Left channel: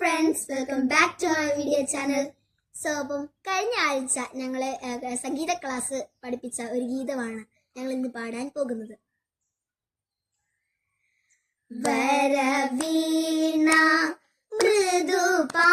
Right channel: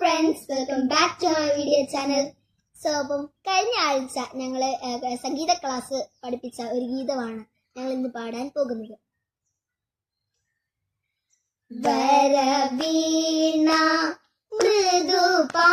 Friends, welcome back to my video channel. So അപ്പം കഴിഞ്ഞ ആഴ്ച ഞങ്ങളെ സംഗീത ക്ലാസ് പഠിപ്പിച്ച ഒരു ഗീതമാണ് ഞങ്ങൾ ഇന്ന് പാടാൻ പോകുന്നത്. വരവീണ മൃദുപാ